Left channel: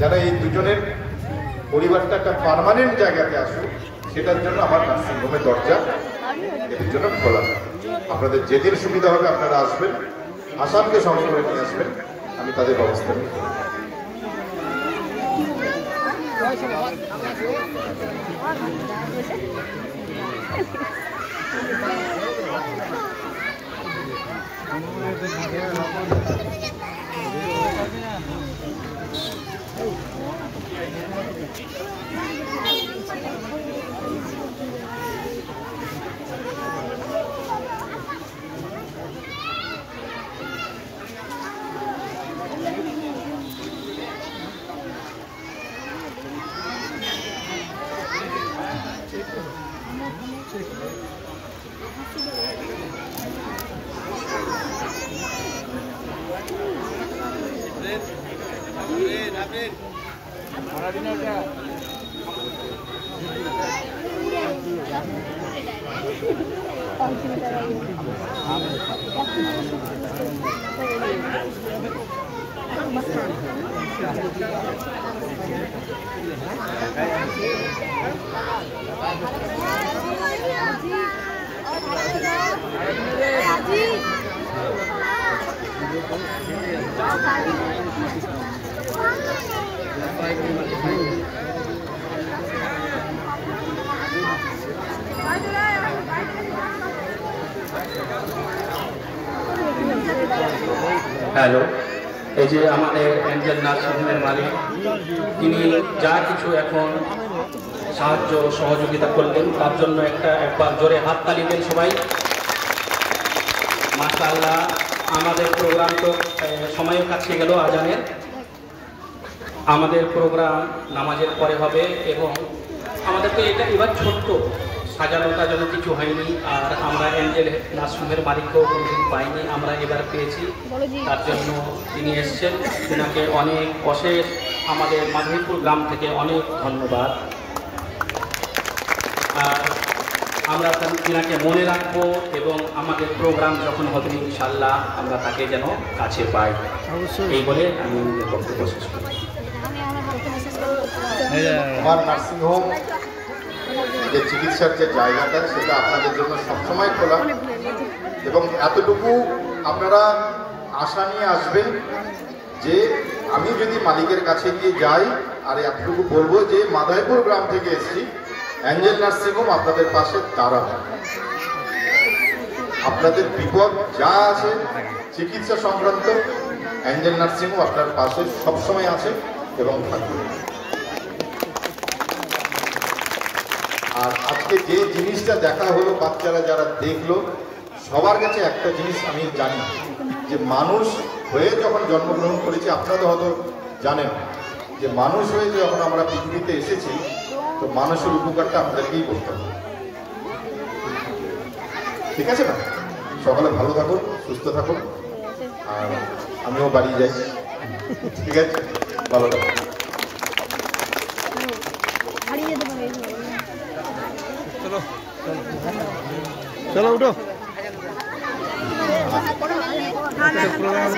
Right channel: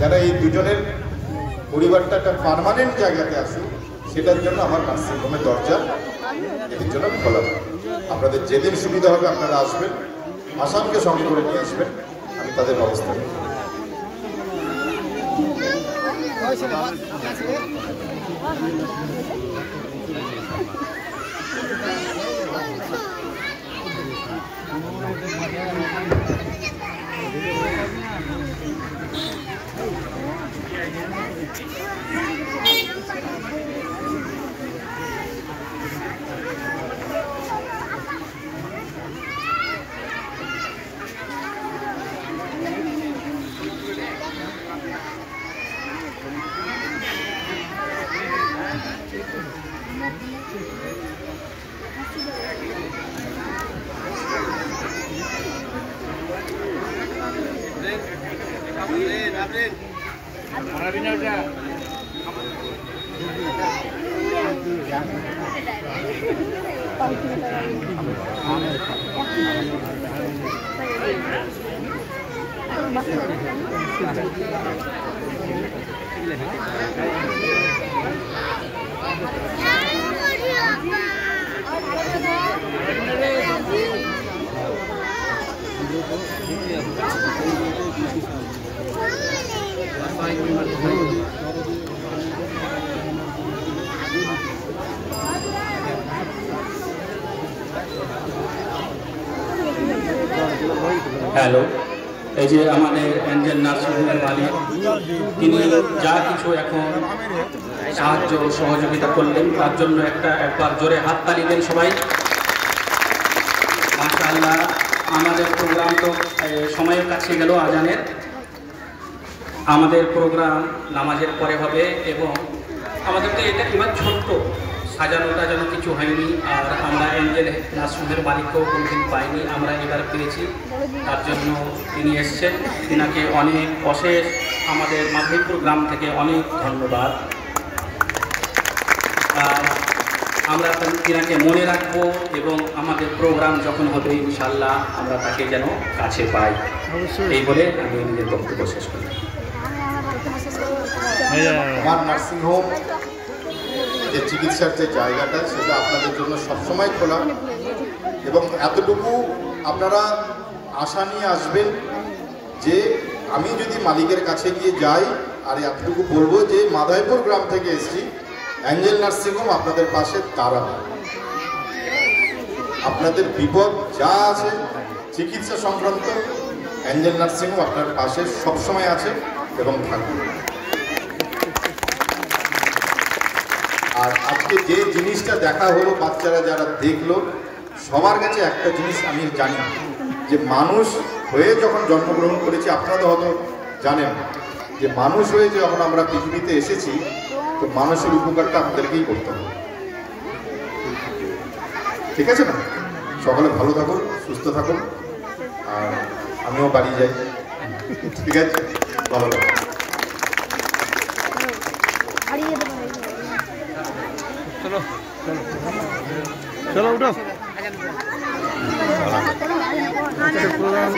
যারা এই দুজনের পরিবারটা একটা পার্মানেন্ট জায়গাতে আসুক, সেটার জন্য আমার নার্সিংহোমের দরজা এদের জন্য খোলা। আপনাদের যেদিন সুবিধা হবে আপনারা আসবেন, আসামকে সঙ্গে করে নিয়ে আসবেন, আমি তাদের ব্যবস্থা নেব। হ্যালো, এই যে আমাদের এঞ্জেল নার্সিংহোমের মালিক, তিনি যা কিছু এখন সাহায্য সহযোগিতা করলেন তার জন্য একবার জোরে হাততালি দেন সবাই। মাশাআল্লাহ, আমাদের প্রোগ্রাম তো সময়ের কাছে গেল আজানের। আমাদের প্রোগ্রাম নামাজের পরে হবে এবং আমাদের তো এটা এবার ছোট্ট সাজানোটা যেন কিছু হয়নি। আর আমরা এঞ্জেল নার্সিংহোমের মালিককেও কোনোদিন পাইনি, আমরা এবার পেয়েছি। তার জন্য তিনি এসছেন, তিনাকে অনেক অশেষ আমাদের মাধবপুর গ্রাম থেকে অনেক ধন্যবাদ। আর আমরা তিনাকে মনে রাখবো এবং আমাদের প্রোগ্রাম যখন হবে ইনশাআল্লাহ আমরা তাকে যেন কাছে পাই। এই বলে আমি নিজের বক্তব্য শেষ করি। আমার নার্সিংহোম যে চিকিৎসার যে জায়গাটা, সেটা আপনাদের জন্য সবসময় খোলা এবং এতটুকু আপনারা আশা নিয়ে আসবেন যে আমি যদি মালিকের কাছে গিয়ে যাই আর এতটুকু বলবো যে মাধাইপুর গ্রাম থেকে এসেছি, এঞ্জেল নার্সিংহোম আপনাদের পাশে দাঁড়াবে। আপনাদের বিপদ যা আছে চিকিৎসা সংক্রান্ত, এঞ্জেল নার্সিংহোম আপনার পাশে সবসময় আছে এবং থাকবে। আর আজকে যে জিনিসটা দেখা হলো, বাচ্চারা যারা দেখলো, সবার কাছে একটা জিনিস আমি জানি যে মানুষ হয়ে যখন জন্মগ্রহণ করেছি, আপনারা তো হয়তো জানেন যে মানুষ হয়ে যখন আমরা পৃথিবীতে এসেছি, তো মানুষের উপকারটা আমাদেরকেই করতে হবে। ঠিক আছে না? সকালে ভালো থাকুন, সুস্থ থাকুন, আর আমিও বাড়ি যাই। ঠিক আছে, ভালো থাকুন। चलो चलो उठो। प्रोग्राम